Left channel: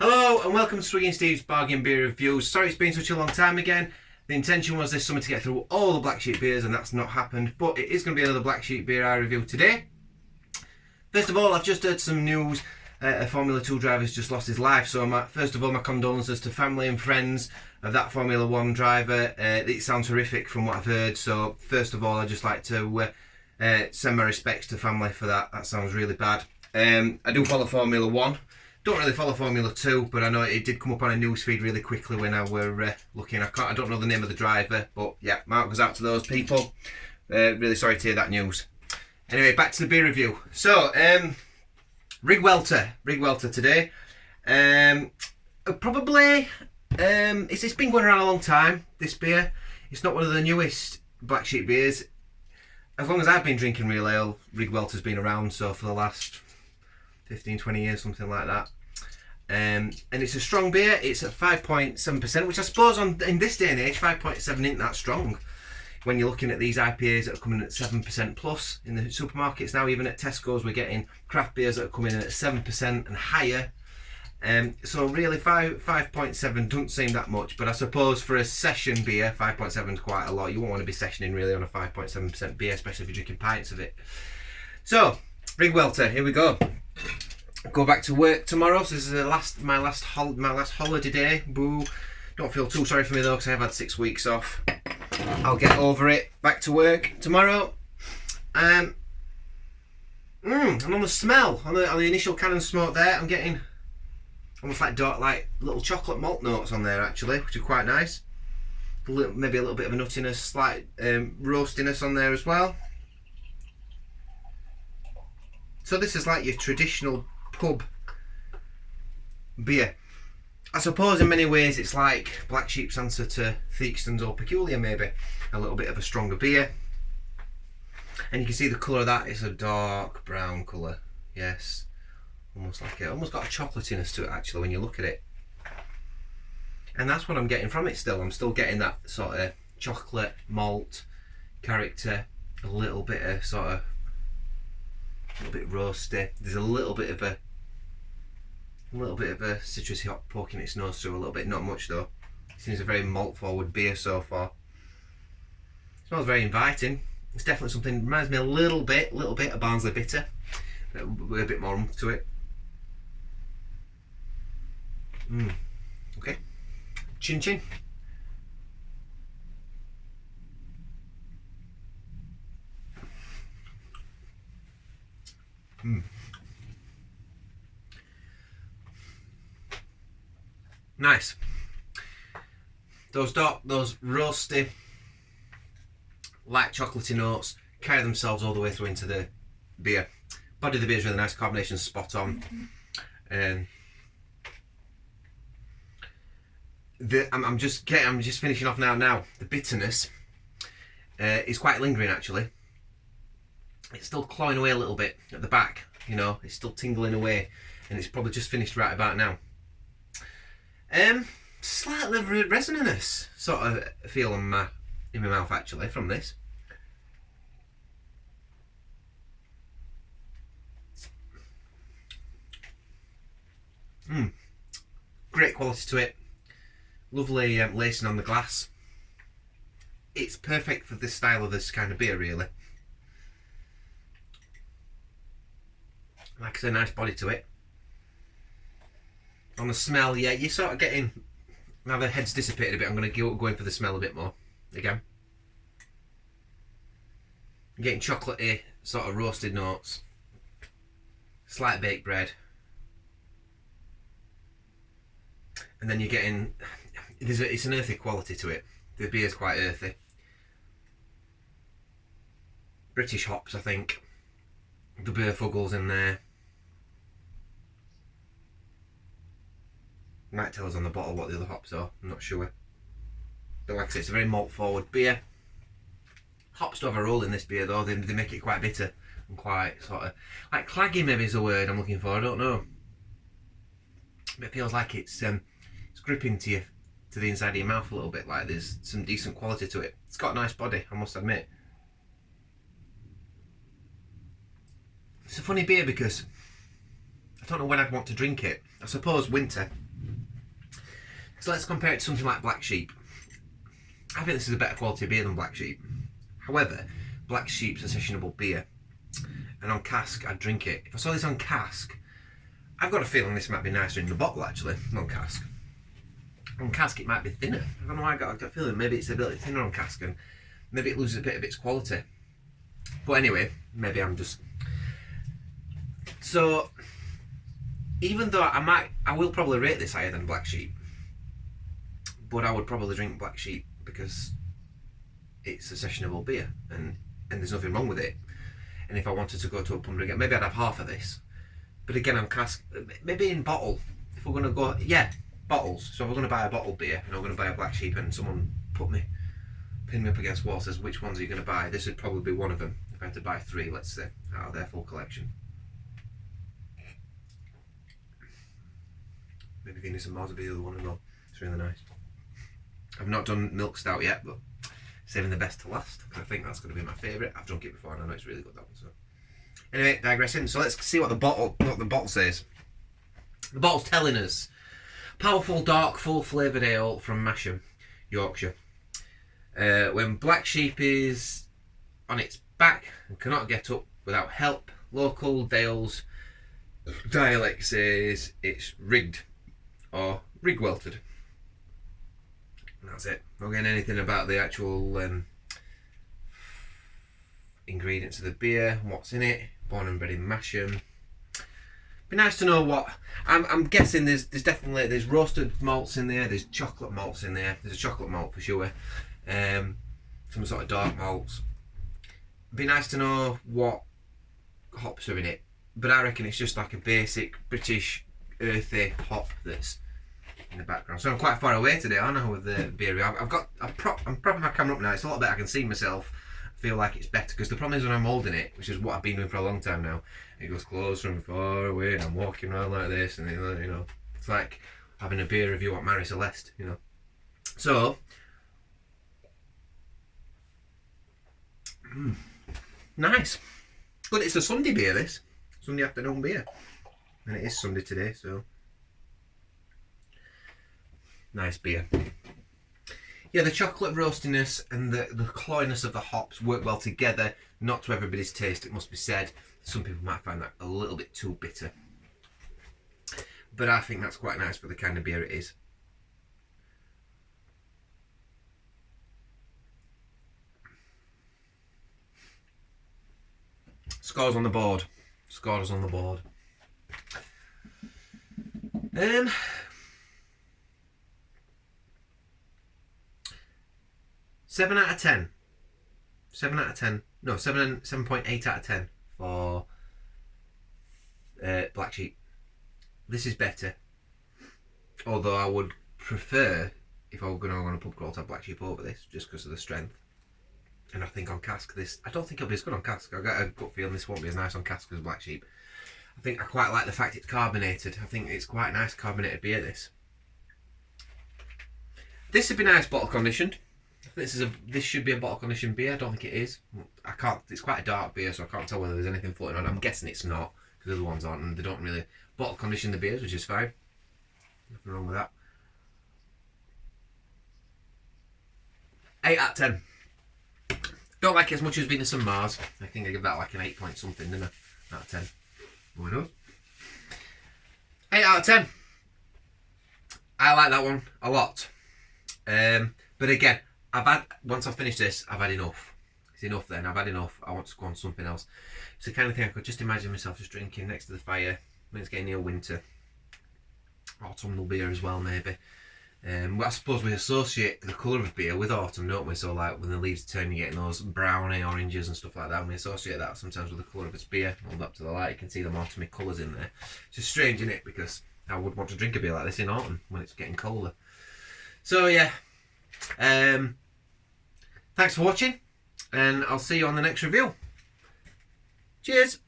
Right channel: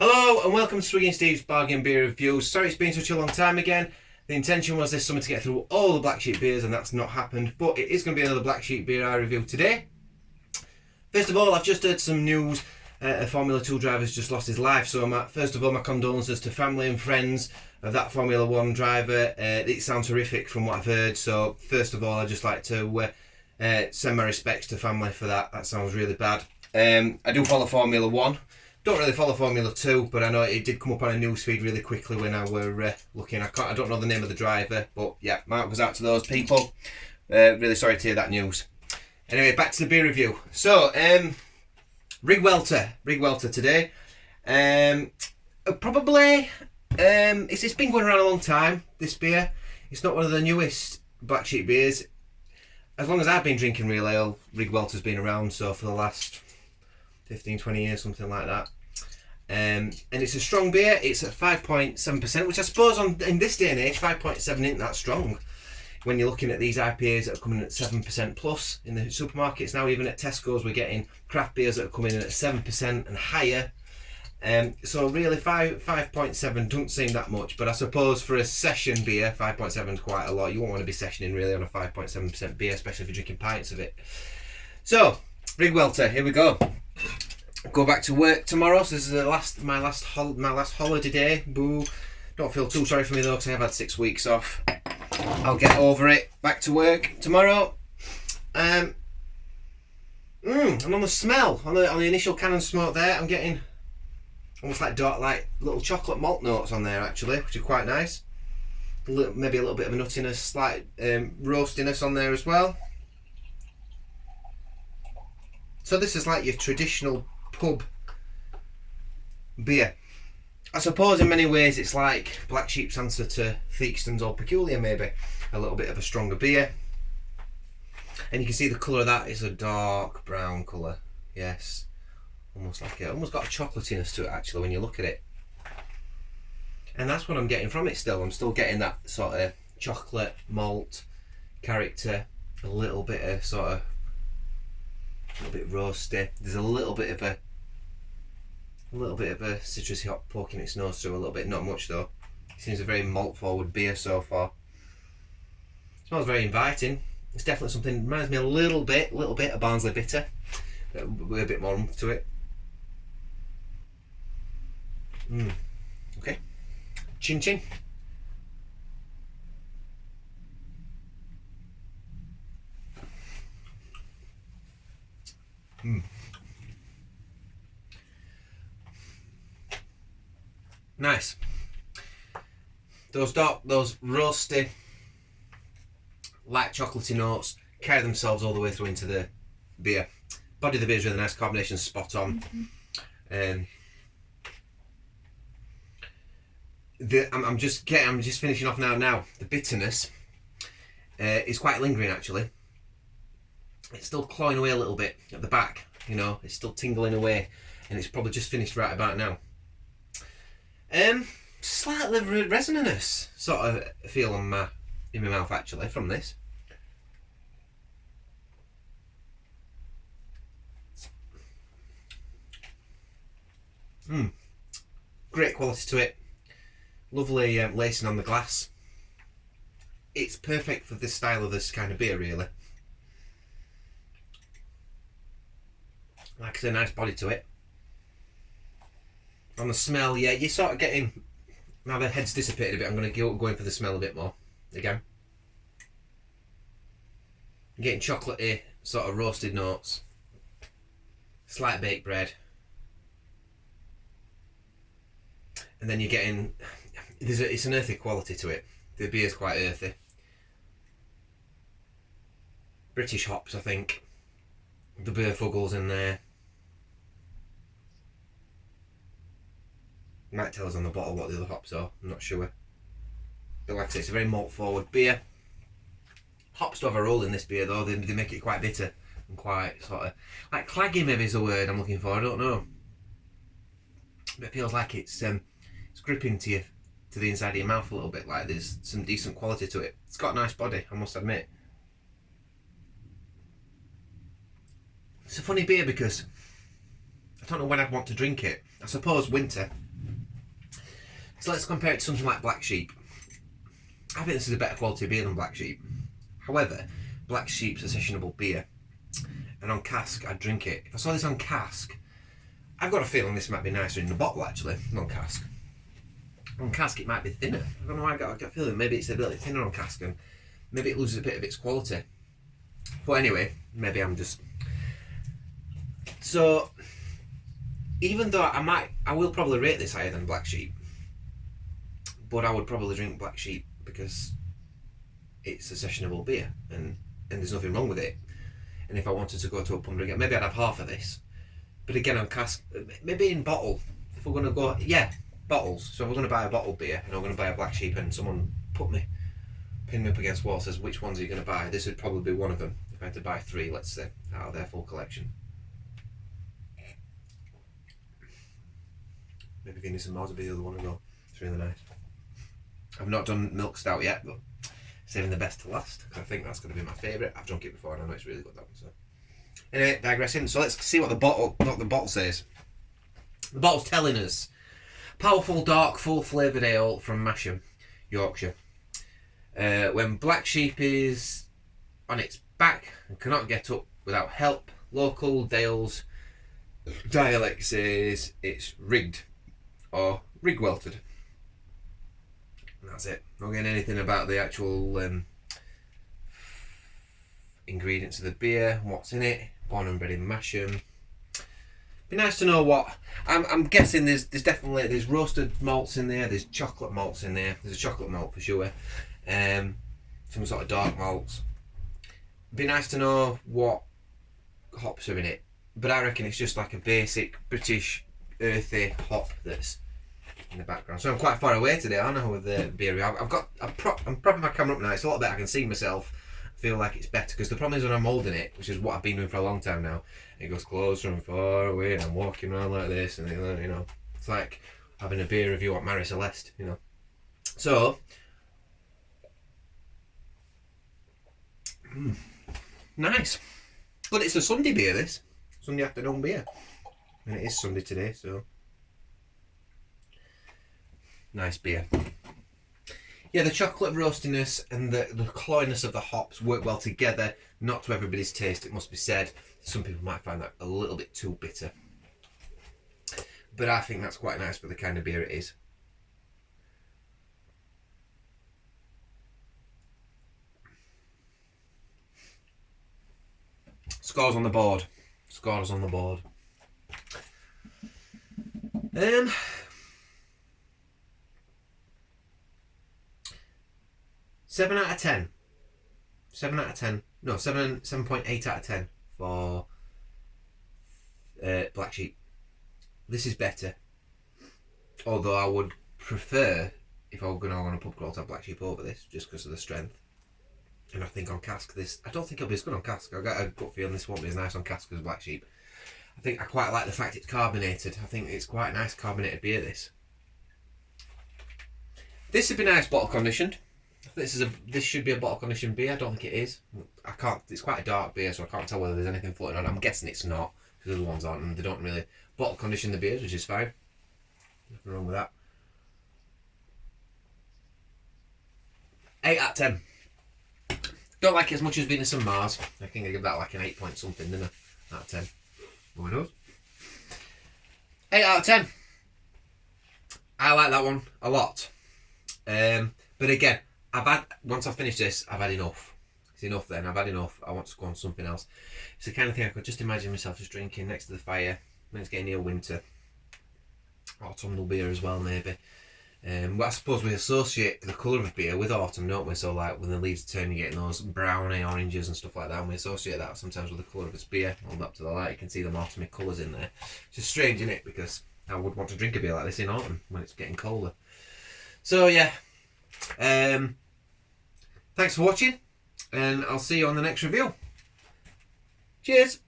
Hello and welcome to Swiggy and Steve's Bargain Beer Reviews. Sorry it's been such a long time again. The intention was this summer to get through all the Black Sheep beers and that's not happened, but it is going to be another Black Sheep beer I review today. First of all, I've just heard some news. A Formula 2 driver's just lost his life, so first of all my condolences to family and friends of that Formula 1 driver. It sounds horrific from what I've heard, so first of all I'd just like to send my respects to family for that. That sounds really bad. I do follow Formula 1. Don't really follow Formula 2, but I know it did come up on a news feed really quickly when I were looking. I don't know the name of the driver, but yeah, mark goes out to those people. Really sorry to hear that news. Anyway, back to the beer review. So, Riggwelter today. Probably, it's been going around a long time, this beer. It's not one of the newest Black Sheep beers. As long as I've been drinking real ale, Riggwelter's been around, so for the last 15-20 years, something like that. And it's a strong beer. It's at 5.7%, which I suppose in this day and age 5.7 isn't that strong when you're looking at these IPAs that are coming in at 7% plus in the supermarkets now. Even at Tesco's we're getting craft beers that are coming in at 7% and higher. So really 5.7 doesn't seem that much, but I suppose for a session beer 5.7 is quite a lot. You won't want to be sessioning really on a 5.7% beer, especially if you're drinking pints of it. So Riggwelter, here we go. Go back to work tomorrow, so this is my last holiday day. Boo! Don't feel too sorry for me though, because I have had 6 weeks off. I'll get over it. Back to work tomorrow. And on the smell, on the initial can and smoke there, I'm getting almost like little chocolate malt notes on there actually, which are quite nice. Maybe a little bit of a nuttiness, slight roastiness on there as well. So this is like your traditional pub beer. I suppose in many ways it's like Black Sheep's answer to Theakston's Old Peculiar, maybe. A little bit of a stronger beer. And you can see the colour of that is a dark brown colour. Yes. Almost got a chocolatiness to it actually when you look at it. And that's what I'm getting from it still. I'm still getting that sort of chocolate, malt character, a little bit of a little bit roasty. There's a little bit of a citrusy hop poking its nose through a little bit, not much though. It seems a very malt forward beer so far. It smells very inviting. It's definitely something, reminds me a little bit of Barnsley Bitter, but with a bit more oomph to it. Okay. Chin chin. Nice. Those roasty, light chocolatey notes carry themselves all the way through into the beer. Body of the beer is really nice, carbonation spot on. I'm just finishing off now. The bitterness is quite lingering actually. It's still clawing away a little bit at the back, you know, it's still tingling away, and it's probably just finished right about now. Slightly resonance sort of feel in my mouth actually from this. Great quality to it. Lovely lacing on the glass. It's perfect for this style of this kind of beer really. Like I say, nice body to it. On the smell, yeah, you're sort of getting, now the head's dissipated a bit, I'm going to go in for the smell a bit more again. You're getting chocolatey, sort of roasted notes, slight baked bread, and then you're getting, it's an earthy quality to it. The beer's quite earthy. British hops, I think. The Burfuggles in there. Might tell us on the bottle what the other hops are, I'm not sure. But like I say, it's a very malt forward beer. Hops do have a role in this beer though, they make it quite bitter and quite sort of, like claggy maybe is the word I'm looking for, I don't know. But it feels like it's gripping to the inside of your mouth a little bit, like there's some decent quality to it. It's got a nice body, I must admit. It's a funny beer because I don't know when I'd want to drink it. I suppose winter, So let's compare it to something like Black Sheep. I think this is a better quality beer than Black Sheep. However, Black Sheep's a sessionable beer, and on cask I'd drink it. If I saw this on cask, I've got a feeling this might be nicer in the bottle actually, not on cask. On cask it might be thinner. I don't know why I got a feeling maybe it's a bit thinner on cask and maybe it loses a bit of its quality. But anyway, maybe I'm just... So, even though I will probably rate this higher than Black Sheep, but I would probably drink Black Sheep because it's a sessionable beer and there's nothing wrong with it. And if I wanted to go to a pub again, maybe I'd have half of this. But again, on cask, maybe in bottle. If we're going to go, yeah, bottles. So if we're going to buy a bottled beer and I'm going to buy a Black Sheep and someone pin me up against wall, says which ones are you going to buy? This would probably be one of them. If I had to buy 3, let's say, out of their full collection. Maybe Venus and Mars would be the other one as well. It's really nice. I've not done milk stout yet, but saving the best to last because I think that's going to be my favourite. I've drunk it before and I know it's really good, that one. So anyway, digressing. So let's see what the bottle says. The bottle's telling us powerful, dark, full flavoured ale from Masham, Yorkshire. When Black Sheep is on its back and cannot get up without help, local Dales dialect says it's rigged or Riggweltered. That's it. Not getting anything about the actual ingredients of the beer, what's in it. Born and bred in Masham. Be nice to know what. I'm guessing there's roasted malts in there. There's chocolate malts in there. There's a chocolate malt for sure. Some sort of dark malts. Be nice to know what hops are in it. But I reckon it's just like a basic British earthy hop that's in the background. So I'm quite far away today, aren't I, with the beer. I'm propping my camera up now. It's a lot better. I can see myself. I feel like it's better because the problem is when I'm holding it, which is what I've been doing for a long time now, it goes closer and far away and I'm walking around like this and you know, it's like having a beer review at Marie Celeste, you know. So nice. Good, it's a Sunday beer, this. Sunday afternoon beer. And it is Sunday today, so nice beer. Yeah, the chocolate roastiness and the cloyiness of the hops work well together. Not to everybody's taste, it must be said. Some people might find that a little bit too bitter. But I think that's quite nice for the kind of beer it is. Scores on the board. Scores on the board. 7 out of 10. 7 out of 10. No, 7.8 out of 10 for Black Sheep. This is better. Although I would prefer, if I were going to go on a pub crawl, to have Black Sheep over this, just because of the strength. And I think on cask, I don't think it'll be as good on cask. I've got a gut feeling this won't be as nice on cask as Black Sheep. I think I quite like the fact it's carbonated. I think it's quite nice carbonated beer, this. This would be nice bottle conditioned. This should be a bottle conditioned beer. I don't think it is. I can't. It's quite a dark beer, so I can't tell whether there's anything floating on. I'm guessing it's not because the other ones aren't, and they don't really bottle condition the beers, which is fine. Nothing wrong with that. 8 out of 10. Don't like it as much as Venus and Mars. I think I give that like an 8 point something, didn't I? Out of 10. Who knows? 8 out of 10. I like that one a lot. But again, once I've finished this, I've had enough. It's enough then, I've had enough. I want to go on something else. It's the kind of thing I could just imagine myself just drinking next to the fire when it's getting near winter. Autumnal beer as well, maybe. But I suppose we associate the colour of beer with autumn, don't we? So like when the leaves turn, you're getting those browny oranges and stuff like that, and we associate that sometimes with the colour of its beer. Hold up to the light, you can see them autumny colours in there. It's just strange, isn't it? Because I would want to drink a beer like this in autumn when it's getting colder. So yeah, thanks for watching, and I'll see you on the next review. Cheers.